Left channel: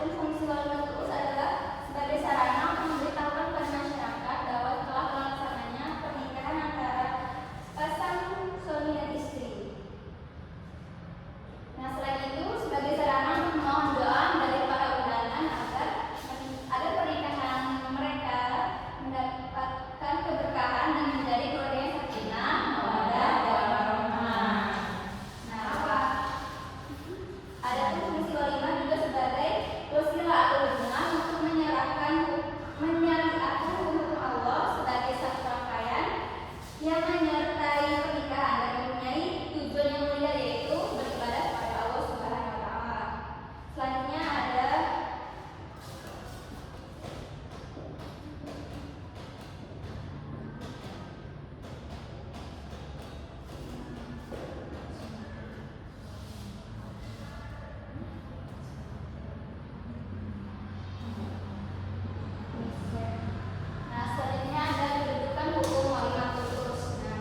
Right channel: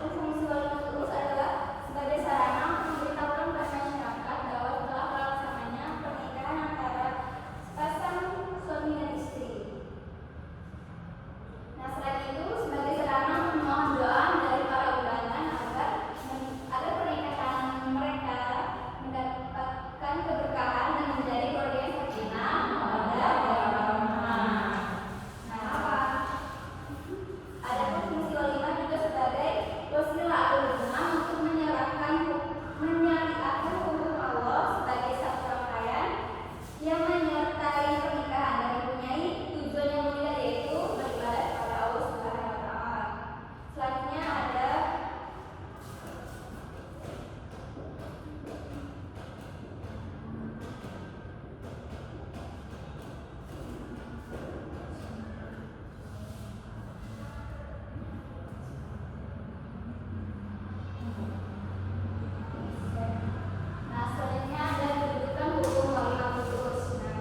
Adapun fungsi walimat urus adalah sebagai sarana untuk memberitahukan kepada masyarakat bahwa telah terlaksananya pernikahan antara pasang suami dan istri. Nah, selain itu sebagai sarana untuk memohon doa dari para undangan agar pernikahan mereka mendapatkan keberkahan dan menjadi keluarga yang sakinah, mawaddah, warahmah. Nah, adapun fungsi walimah juga sebagai wasilah atau hubungan untuk menyariatkan hukum Allah sebagai satu rangkaian yang menyertai pernikahan dan mempunyai tujuan yang mulia, yaitu beribadah kepada Allah Subhanahu wa taala. Selanjutnya ada kedudukan hukum walimat urus. Nah,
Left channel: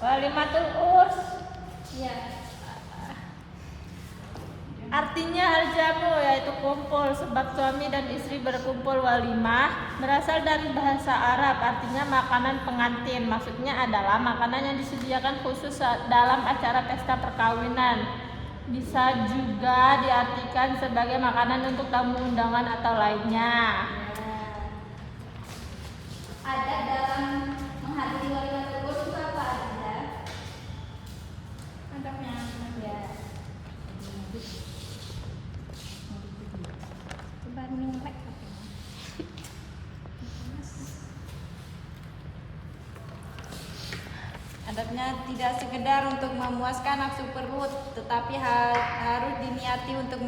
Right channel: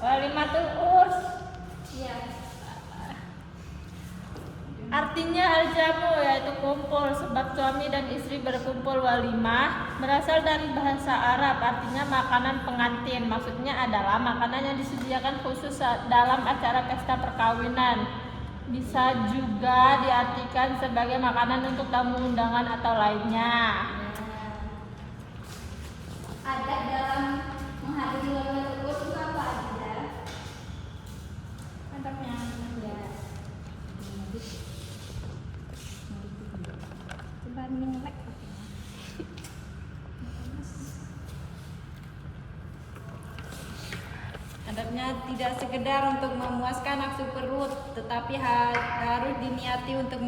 Walimatul urs. Iya. Artinya al-jamu yaitu kumpul, sebab suami dan istri berkumpul. Walimah berasal dari bahasa Arab, artinya makanan pengantin. Maksudnya adalah makanan yang disediakan khusus dalam acara pesta perkawinan. Bisa juga diartikan sebagai makanan untuk tamu undangan atau lainnya. Adat dalam menghadiri walimatul urs itu apa aja? Mantapnya. Ya. Coba nyelek. Adatnya tidak sekedar untuk memuaskan nafsu perut, tetapi harus diniati untuk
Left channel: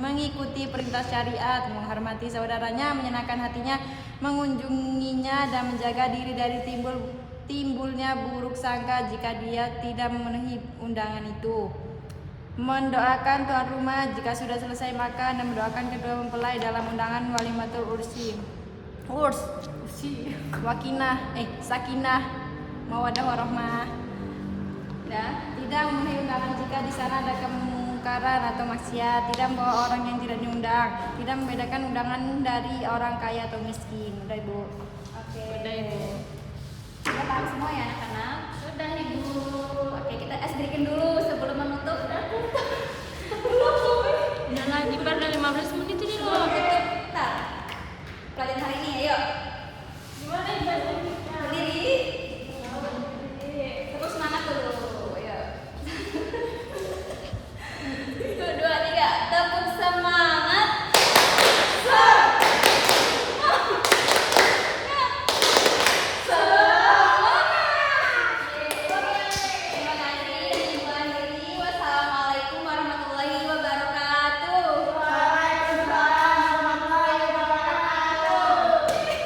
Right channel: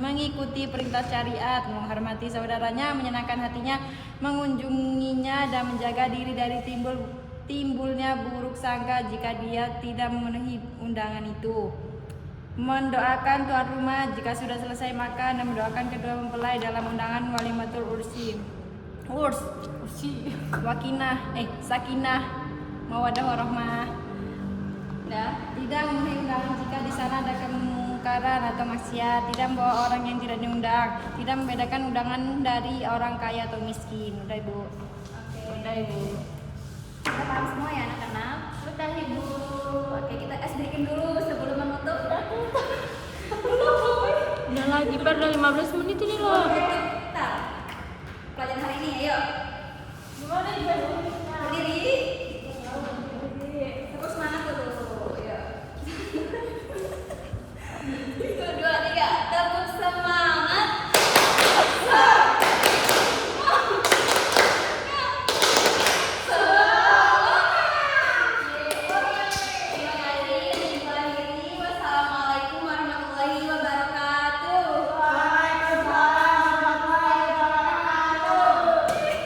mengikuti perintah syariat, menghormati saudaranya, menyenangkan hatinya, mengunjunginya, dan menjaga diri dari timbulnya buruk sangka jika dia tidak memenuhi undangan itu. Mendoakan tuan rumah jika sudah selesai makan, dan mendoakan kedua mempelai dalam undangan walimatul ursi. Sakinah, mawaddah warahmah. Tidak memenuhi undangan jika di sana ada kemungkaran atau maksiat, tidak membawa orang yang tidak diundang, tidak membedakan undangan dari orang kaya atau miskin. Udah Ibu. Oke. Kita paham semua ya anak-anak? Udah Ibu. Oke, kita breakin dulu sebelum menutup. Udah lagi pada 15 menit ini loh. Bentar. Pelajaran hari ini ayo. Gimana Ibu? Berdiri.